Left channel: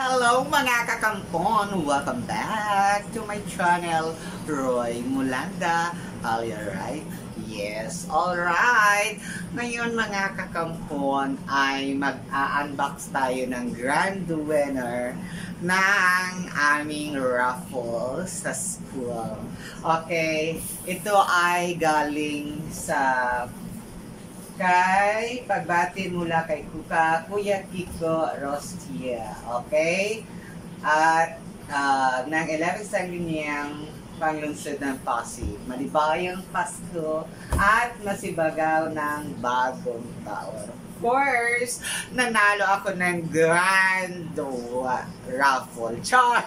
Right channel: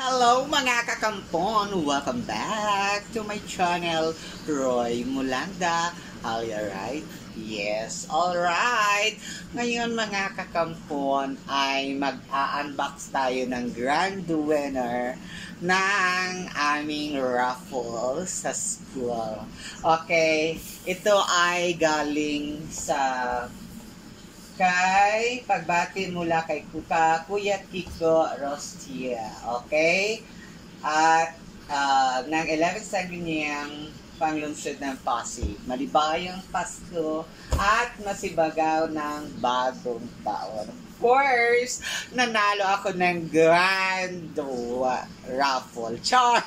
Hello mga kakampon! Welcome back to my channel, Roy Mulanda. Are you right? Yes, alright! Ngayon mga kakampon ay mag-a-unbox tayo ng grand winner ng aming raffle sa school. Okay, ito ay galing sa kay pagbati mula kay Kuya Kiko Rostia. Okay? At ng 11 sangguniang panglungsod ng Pasig. Malibayang Pasko at masibagaw ng bagong taon. Of course, nanalo ako ng grand raffle. Char!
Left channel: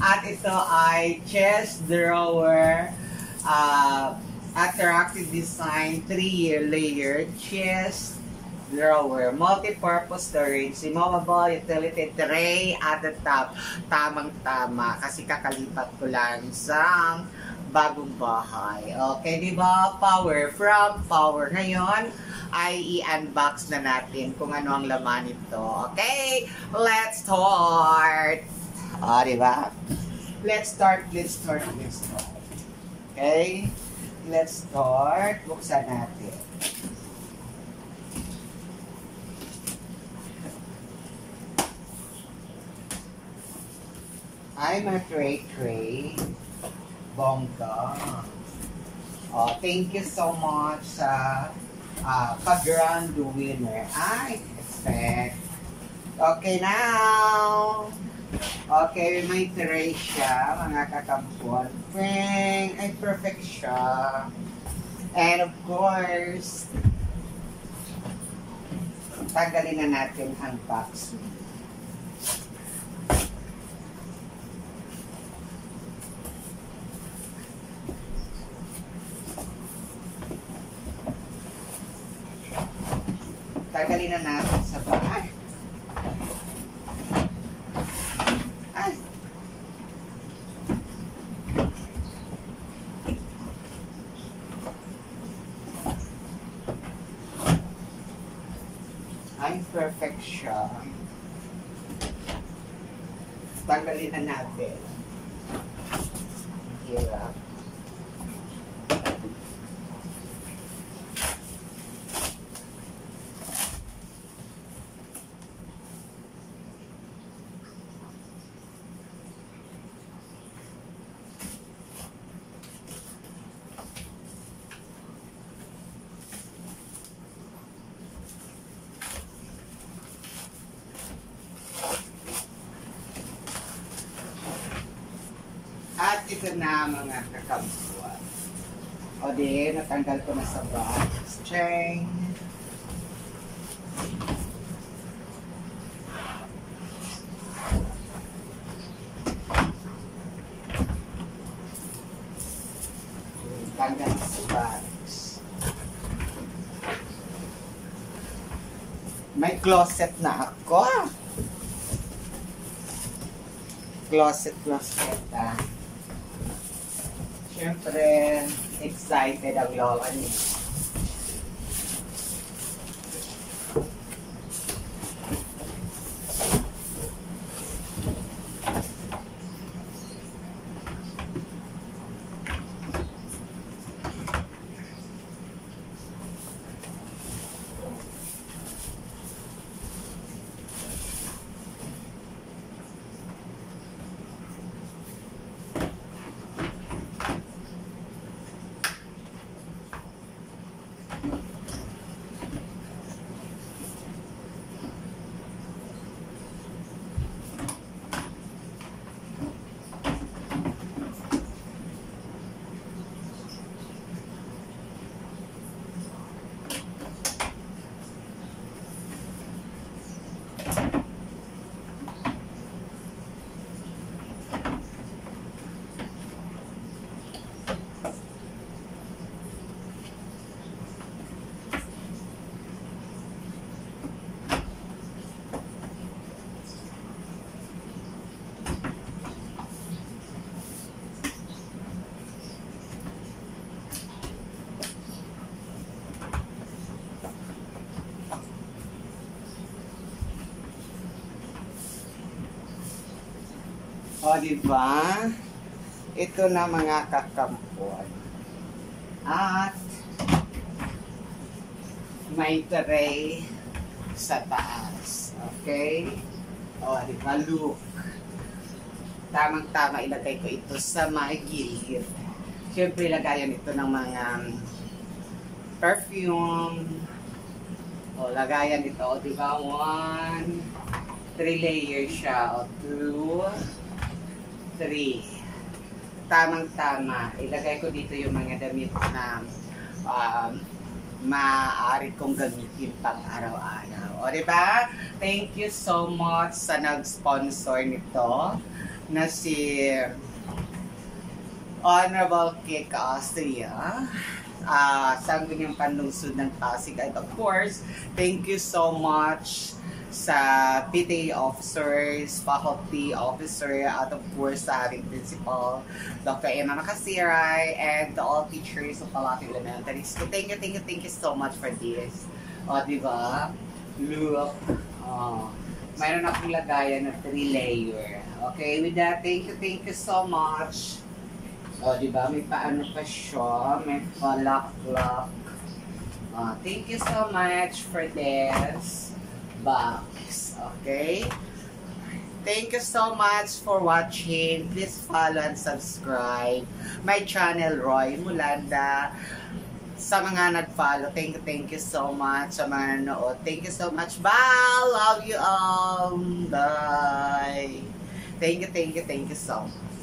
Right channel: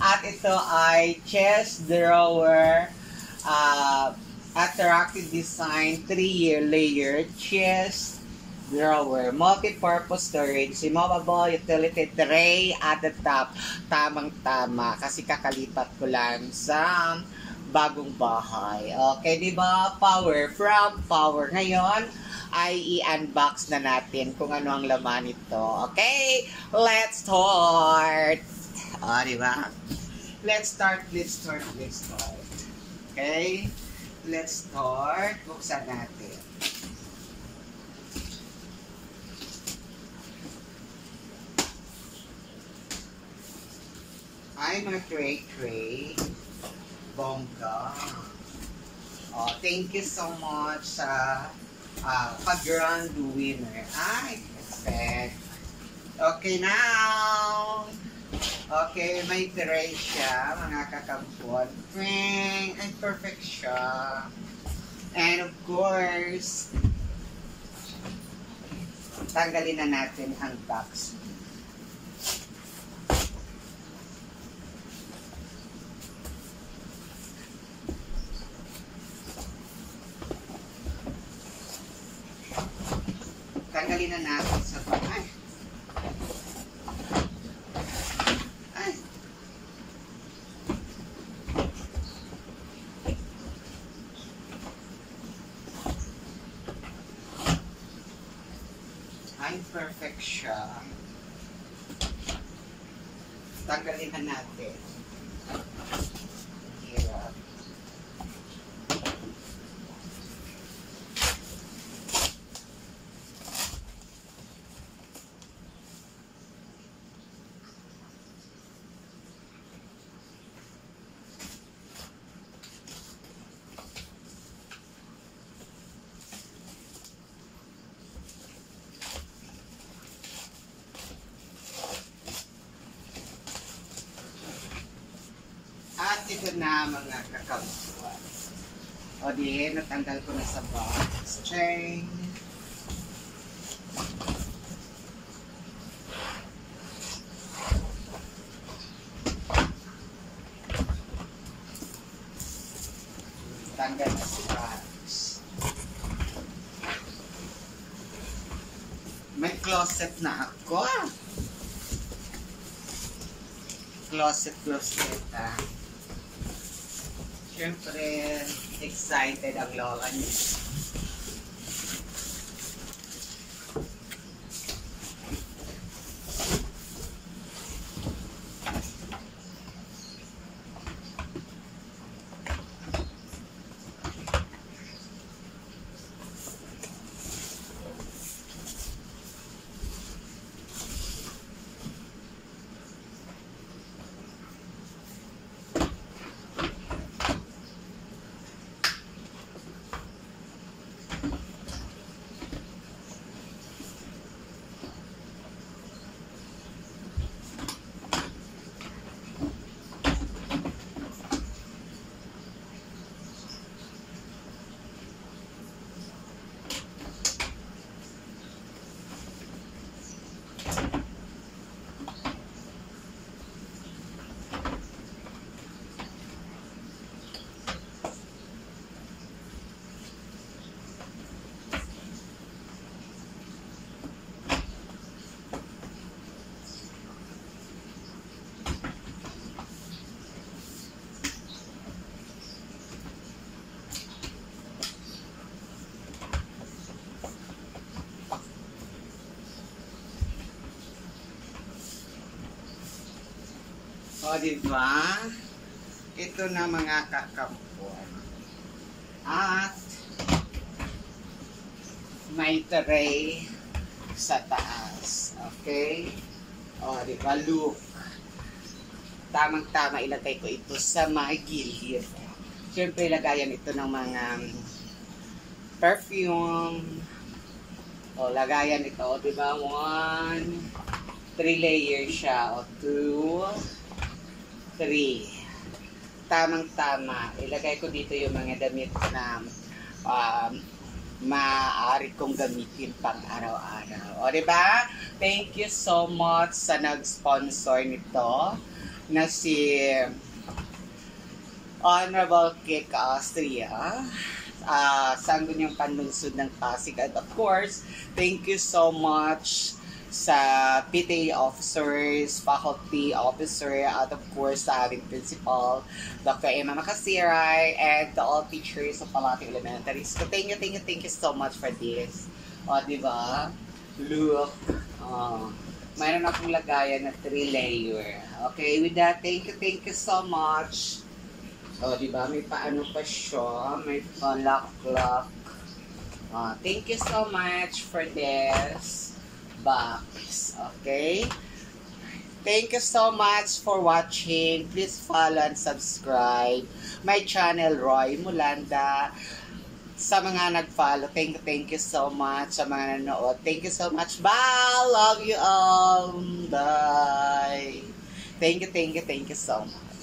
At ito ay chess drawer, attractive design, 3-year layer chest drawer, multi-purpose storage, removable utility tray at the top. Tamang-tama kasi kakalipat ko lang sa bagong bahay. Okay, di ba? Power from power. Ngayon ay i-unbox na natin kung ano ang laman nito. Okay, let's start. Di ba? Let's start. Okay. Let's start. Buksan natin. Ay, mga tray. Bongga. Oh, thank you so much sa pag-grand winner. I expect. Okay now. Okay, may tray siya, mga kakampon. Ay, perfect siya. And of course, tanggalin na natin ang box. Tanggalin na natin sa bahay. Ay, perfect siya. Tanggalin na natin. Hirap. At ito na mga kakampuan. O di, natanggal ko na sa box. Chain. Tanggal na sa box. May closet na ako. Closet Siyempre, excited ang lola niya. O, diba? Ito na mga kakampon. At may tray sa taas. Okay? O, diba? Look. Tamang-tama ilagay ko ito sa mga gilid. Siyempre, lagayan ito ng mga perfume. O, lagayan ito. O, diba? 1, 3 layers siya. O, 2, 3. Tamang-tama. Ilagay ko dito yung mga damit na maaari kong gamitin pang araw-araw. O, diba? Thank you so much sa nag-sponsor nito na si Honorable Kik Austria. Sangguniang Panlungsod ng Pasig. And of course, thank you so much sa PTA officers, faculty officer, at of course sa ating principal, Dr. Emma Macasiray, and all teachers of Palati Elementary School. Thank you so much for this. O, diba? Look. Mayroon akong lagayan na 3 layer. Okay, with that, thank you so much. O, diba? May paano pa siya. May lock. Thank you so much for this box. Okay? Thank you so much for watching. Please follow and subscribe my channel, Roy Mulanda. Sa mga nag-follow, thank you so much. Sa mga nanood, thank you so much. Bye! Love you all. Bye! Thank you so much.